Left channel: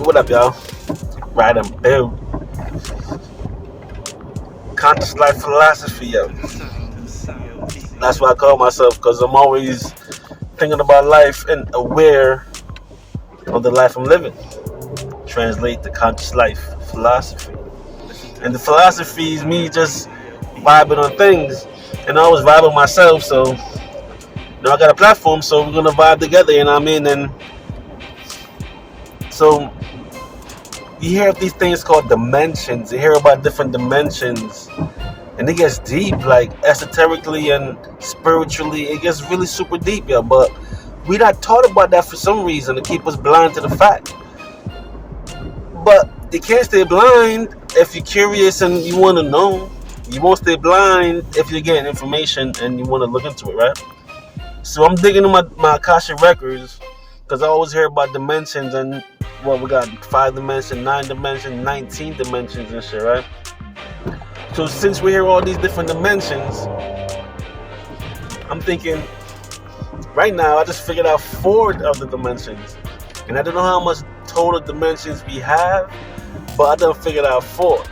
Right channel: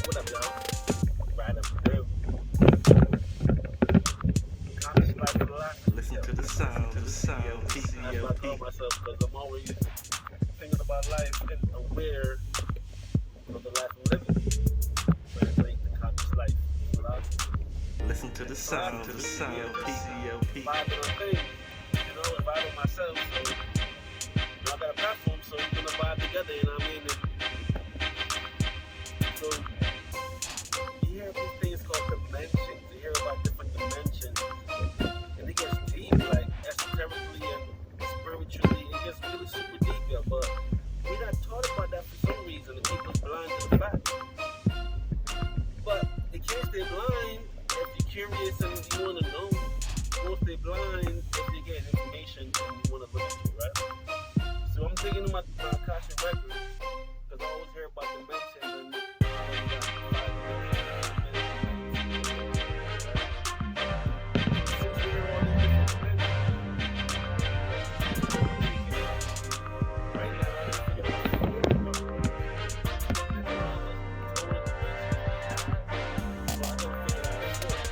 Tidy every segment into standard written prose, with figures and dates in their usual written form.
What up, y'all? Ride and build. Conscious life philosophy, yo. That's what I call myself, because I'm always thinking about life and aware of the life I'm living. Translate the conscious life philosophy. And the philosophy is me just vibing on things. And I always vibe with myself, so I got a platform, so we're gonna vibe together, you know what I mean? And so you hear of these things called dimensions. You hear about different dimensions, and it gets deep, like esoterically and spiritually. It gets really super deep, yeah. But we not taught about that for some reason to keep us blind to the fact. But you can't stay blind if you're curious and you want to know. You won't stay blind if you're getting information and you want to look into it, right? So I'm digging in my Akasha records, because I always hear about dimensions, and we got 5 dimensions, 9 dimensions, 19 dimensions and shit, right? So since we hear all these different dimensions, I'm thinking, right now I just figured out 4 of the dimensions. And I don't know how much total dimensions we have, but I done figured out 4.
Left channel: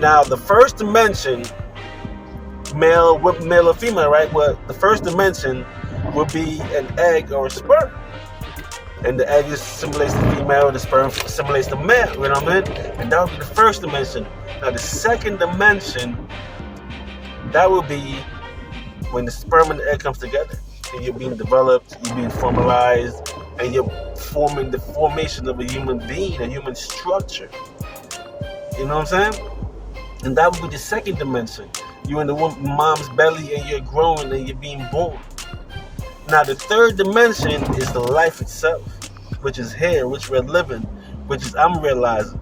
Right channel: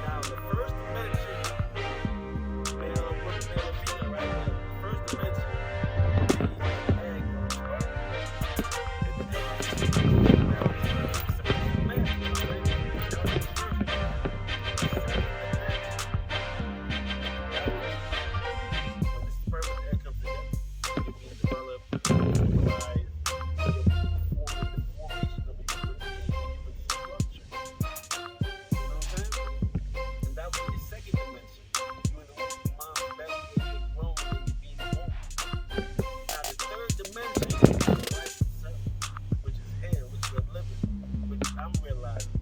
Now the first dimension, male or female, right? Well, the first dimension would be an egg or a sperm. And the egg simulates the female, the sperm simulates the male, you know what I mean? And that would be the first dimension. Now the second dimension, that would be when the sperm and the egg comes together. And you're being developed, you're being formalized, and you're forming the formation of a human being, a human structure. You know what I'm saying? And that would be the second dimension. You're in the mom's belly and you're growing and you're being born. Now the third dimension is the life itself, which is here, which we're living, which is I'm realizing.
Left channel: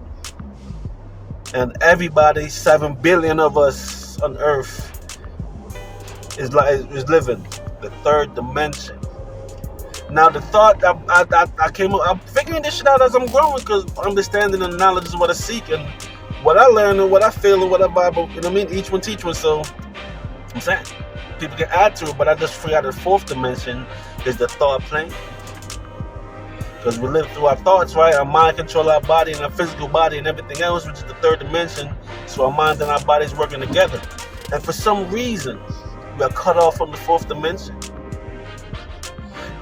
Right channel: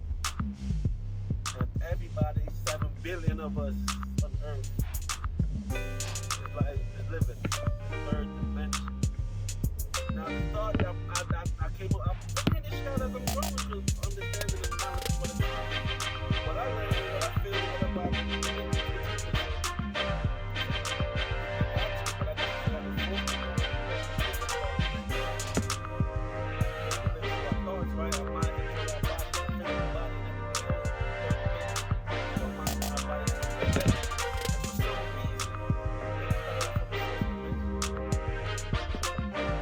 And everybody, 7 billion of us on Earth, is living the third dimension. Now the thought I came up, I'm figuring this shit out as I'm growing, because understanding and knowledge is what I seek, and what I learn and what I feel and what I vibe, you know what I mean? Each one teach one, so I'm saying people can add to it, but I just forgot the 4th dimension is the thought plane. Because we live through our thoughts, right? Our mind control our body and our physical body and everything else, which is the 3rd dimension. So our mind and our bodies working together. And for some reason, we are cut off from the 4th dimension.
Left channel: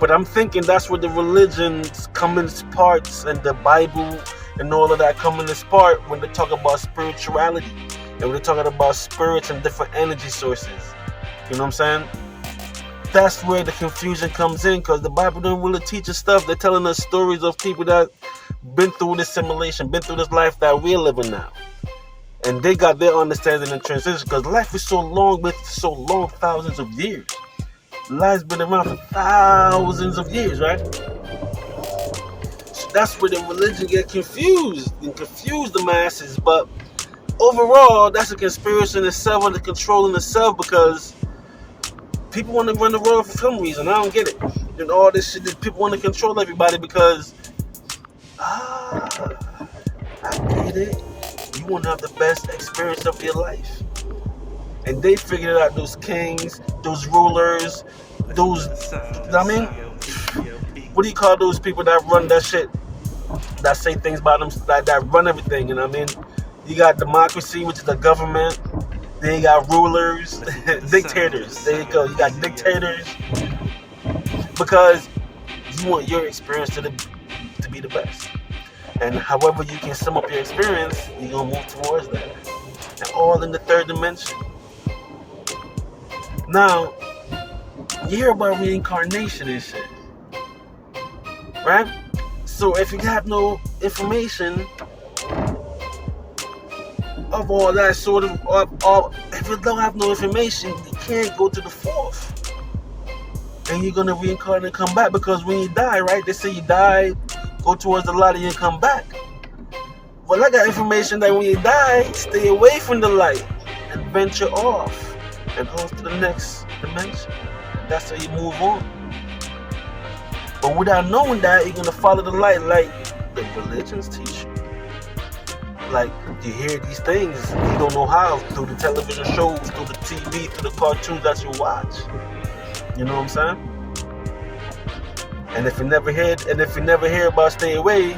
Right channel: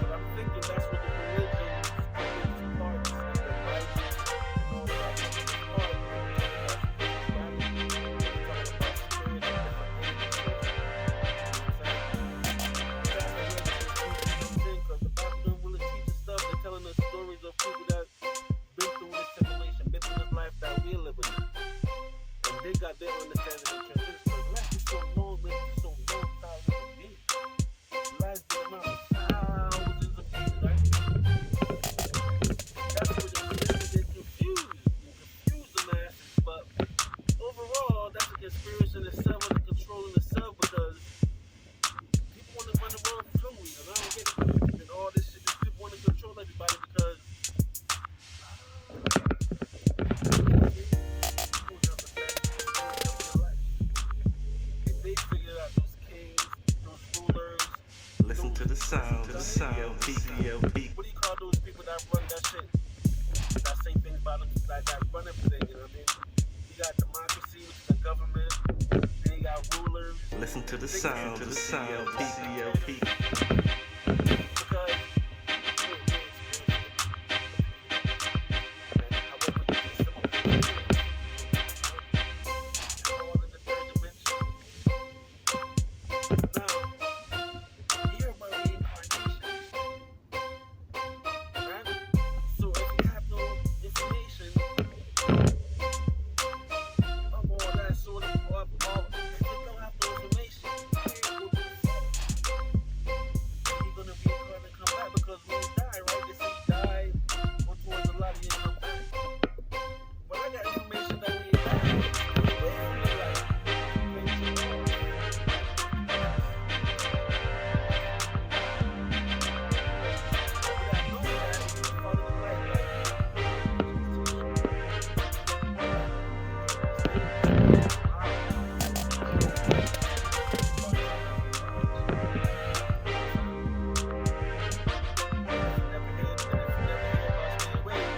But I'm thinking that's where the religions come in parts, and the Bible and all of that come in this part when they talk about spirituality. And when they're talking about spirits and different energy sources. You know what I'm saying? That's where the confusion comes in, because the Bible doesn't really teach us stuff. They're telling us stories of people that been through this simulation, been through this life that we're living now. And they got their understanding and transition, because life is so long, thousands of years. Life's been around for thousands of years, right? So that's where the religion get confused and confuse the masses. But overall, that's a conspiracy in itself and the control in itself, because people want to run the world for some reason. I don't get it. And all this shit that people want to control everybody because, I get it. You want to have the best experience of your life. And they figured out those kings, those rulers, those, you know what I mean? What do you call those people that run that shit? That say things about them, that run everything, you know what I mean? You got democracy, which is the government. Then you got rulers, dictators. There you go. You got dictators, because you want your experience to be the best. And however you can sum up your experience, you're gonna move towards that. And all in the 3rd dimension. Now, you hear about reincarnation and shit, right? So if you have no information of all that sort of, if you don't have no information, you can't go to the 4th. And you're gonna reincarnate and come back, because when you die, right? They say you die, go towards the light and you come back. Well, I got information that when you die, stay away from the light and venture off and off to the next dimension. That's how you move on. But without knowing that, you're gonna follow the light like the religions teach you. Like, you hear these things, you don't know how, through the television shows, through the TV, through the cartoons that you watch. You know what I'm saying? And if you never hear about stay away,